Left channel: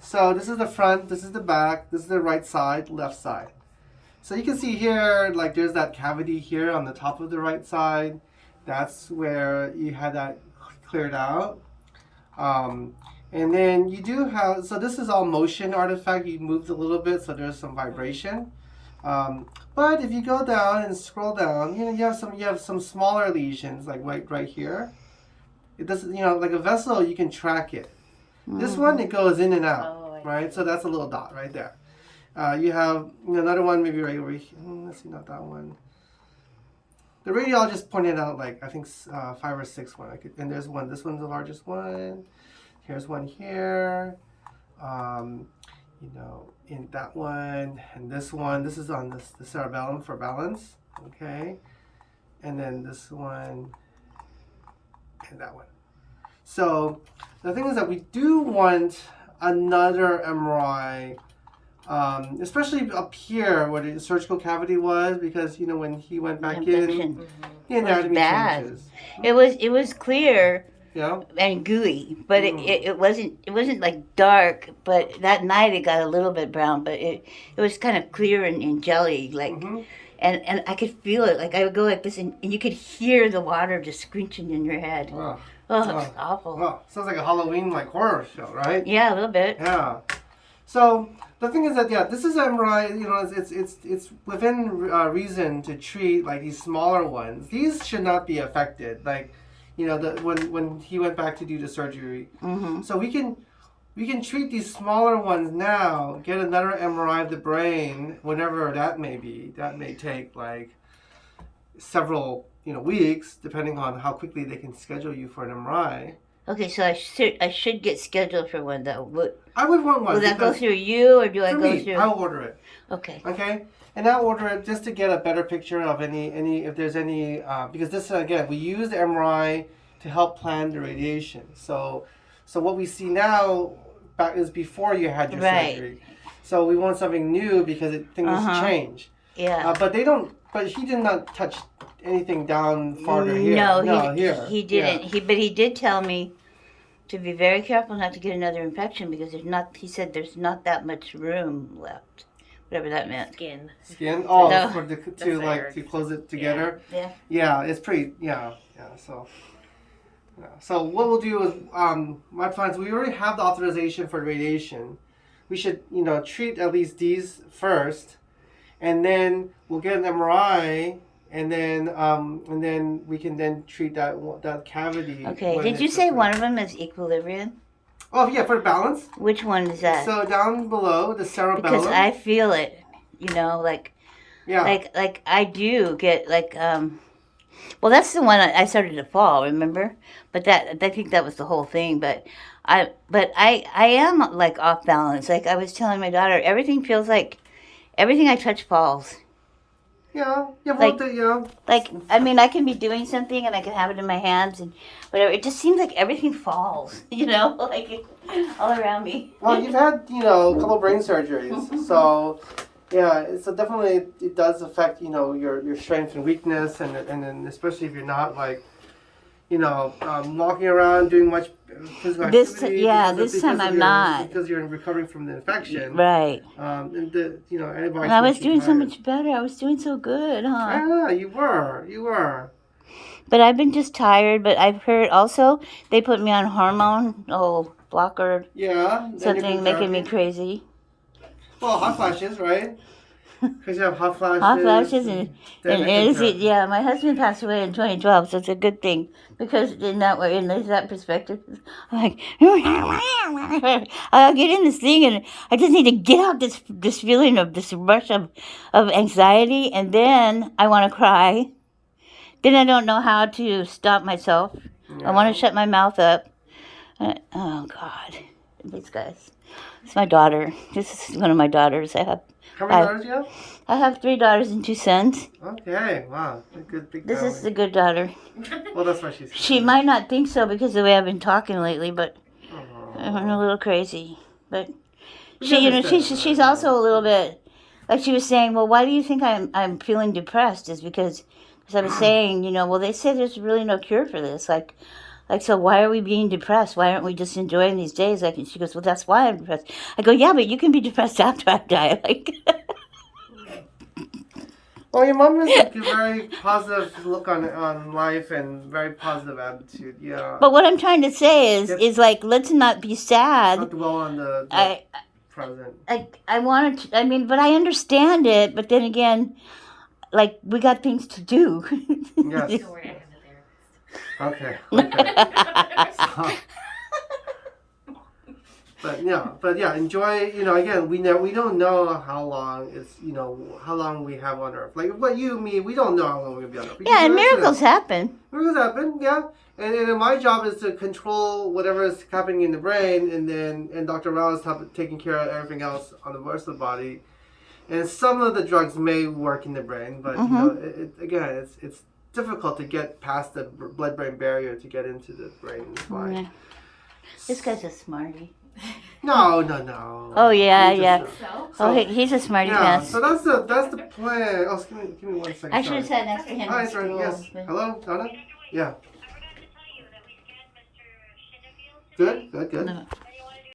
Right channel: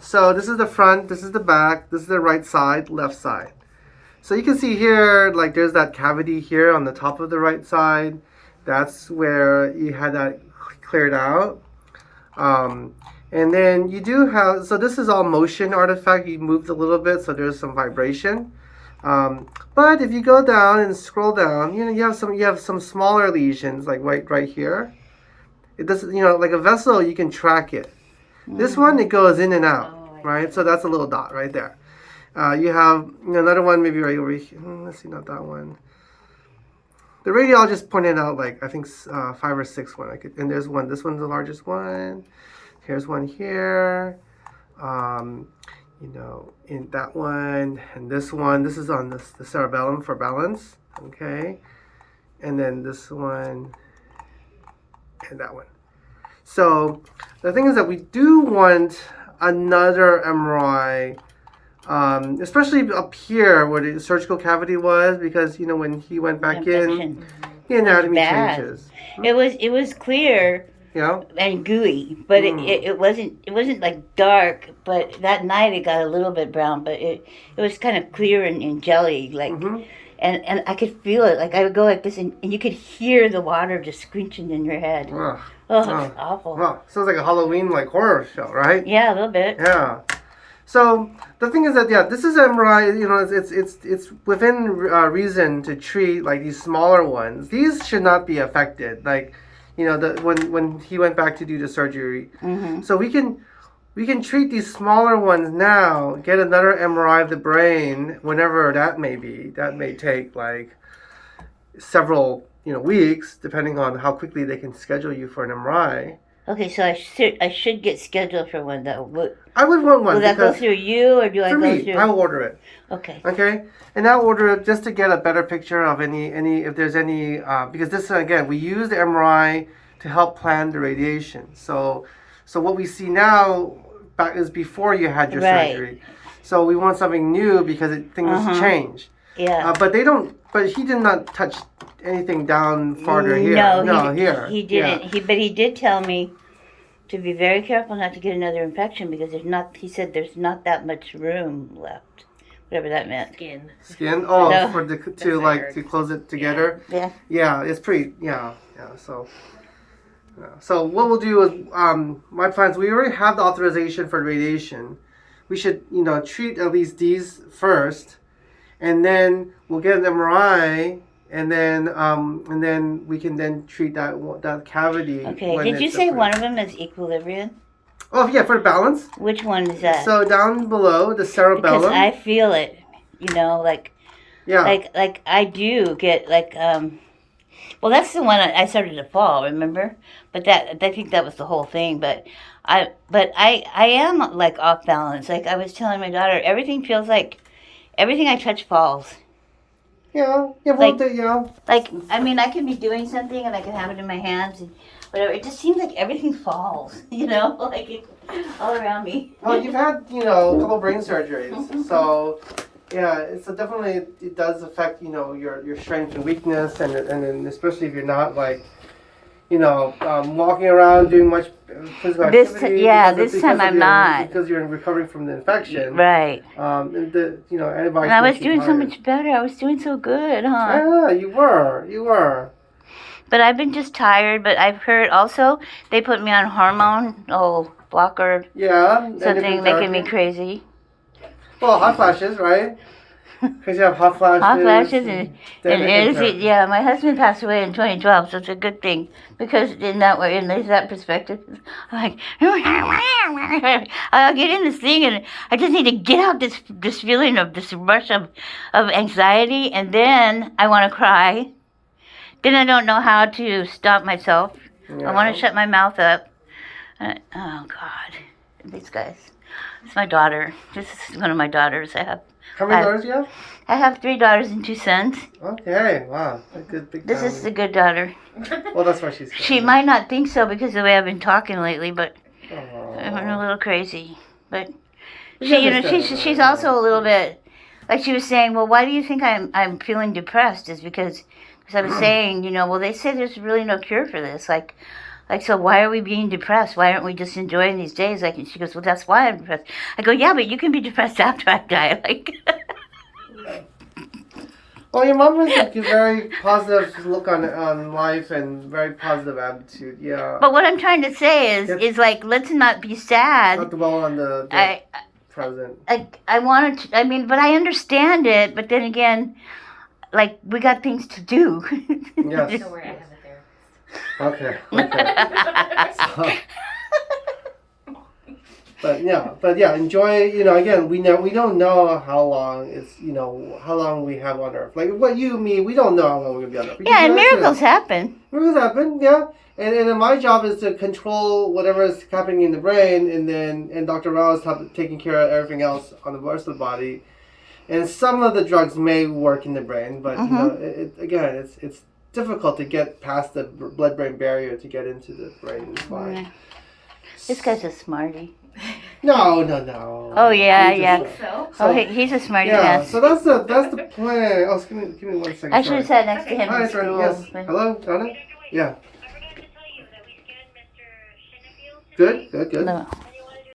So this is the front, this is the back, this is the right side, left side. So you can see here, like there's that cavity here on the top of the right side. That's where you had that cleared out. And then you do have, so this is all motion artifact. You moved a little bit, so there's some vibration. But if you go down and scroll down, you have some smaller lesions, like right here. It doesn't, like a vessel, you can track it. This one, it goes in and out, right? So that's a little dot right there. You have another one maybe right over here. Let's see, not that one. The radiologist pointed out like I think 5 or 6 one. And there's one. This one's the largest one. Here's one here. In that one and this one. This is on the cerebellum for balance. Okay, and then this one and that one. So the thing is that we do want another MRI. Especially up here where the surgical cavity was, because when he went back in, the anatomy changes. It was clear, Yeah. and gooey, but it wasn't like dark. But that night it got a little bit brown, but it was kind of clear and jelly, like, and I could feel it. Like I would go like this, and you could hear the water just screeching in your head. Wow. Oh, it's awful. Wow. Sounds like a Halloween horror show, right? Yeah, a little bit. Yeah. So the thing is that this is MRI. It's within reason to treat like these smaller ones. These should not be affected. Like, when he went back to do the surgery. So we can treat these smaller ones now. Get another MRI of the brain whenever that may be. That may take like several weeks, depending on how quickly they can schedule you for an MRI. Okay, so I should get scheduled for one though. I would want one. Will that go through you, or do I go through? I will order it. Okay. Okay, and I'll order it just to get a better picture of any if there's any because this again we use the MRI to help plan the radiation. So what we see now is before you had your surgery. So we want something new because things change. Yeah. But they don't. But he did not touch anything down farther here. No, here. He didn't. Yeah. But he did tell me to be very careful not to get another infection because he said there's not that much room left. Whatever that meant. Skin? Oh, No. to close it together? Yeah. Yeah, it's pretty, So what we'll do is, my plans, we already have the authorization for radiation. We should, treat at least these first, and then we'll get an MRI, and then we can then treat that cavity. Okay. Did you say one of them is equilibrium? Oh yeah, for balance. Which one is that? So down below the cerebellum. Because I feel it, like I do get like well, that's the one I started to fall, remember? But I think that was the whole thing. But I am like off balance. Like I was telling my daughter, everything I touch falls. Yeah, Like, I mean, I can be doing something and I can have it in my hands and whatever. It just seems like everything falls, like all around me. Well, you've had, a couple brain surgeries, so yeah, definitely it does affect, your strength and weakness, and then especially if you're not like, walking around doing much physical activity. This time I'm not. Because you're recovering from the infection. Right. And antibiotics. And I was doing so much better. I was doing so good, huh? Yeah, you were. But I've been just tired. But I've heard also they put me on hormone blocker. Yeah. Something making me crazy. Well, hot flashes, right? Because you have hot flashes. Hot flashes yeah. My husband passed away in 2012, so it's a good thing because in that perspective, I'm like, I'll get in this thing and I just need to get out this feeling of this rush of anxiety, and then I want to cry. Then I don't know how to stop myself. Yeah. I want to shut my mouth up. Oh God, these guys. It's my daughter. This is one of my daughters. How many daughters do you have? I have 3 daughters and 2 sons. Okay, wow. A good big family. This is the good daughter. Well, that's why she's good. She might not think so because of the way I've been talking lately, but I'm a little crazy. But she's also a little bit, like she was saying, well, why do you think I'm feeling depressed? Is because I was saying, well, they say there's really no cure for this. Like, Like, so why are we being depressed? Why aren't we just enjoying these days? Like, and she goes, well, that's why I'm depressed. I go, yeah, but you can be depressed after I die. Like, Well, your mom has a very positive look on life and very positive attitude. Yeah. but what I'm trying to say is, Yep. is like, let's not be sad. Not dwell on the I, present. I wanted to, I mean, but I understand it. But then again, like, we got things to do. Yes. Don't worry, I have a therapist. Okay. So, but yeah, enjoy. You know, again, we don't know how long it's, you know, how long we have on Earth. Like what you, me, we don't know how long we're gonna be on Earth. Yeah, and miracles happen. Miracles happen, yeah. And my job is to control whatever is happening in the brain, and Dr. Rao is taking care of everything else on the rest of the body. And some of the drugs may work in the brain, but you know, again, it's difficult to get past the blood-brain barrier to get into the brain and spine. Yeah. This guy's a smarty. No. Oh yeah, He's yeah. just, So, Oh, he's a smarty yeah. pants. So that's the plan. Oh, give me 1 second. I should have sorry. sat next to him Hi, in sorry. school. Yes. but- Hello, Donna. Yeah. I forgot to tell you that we scanned Mr. Shinnefield today. Good. No.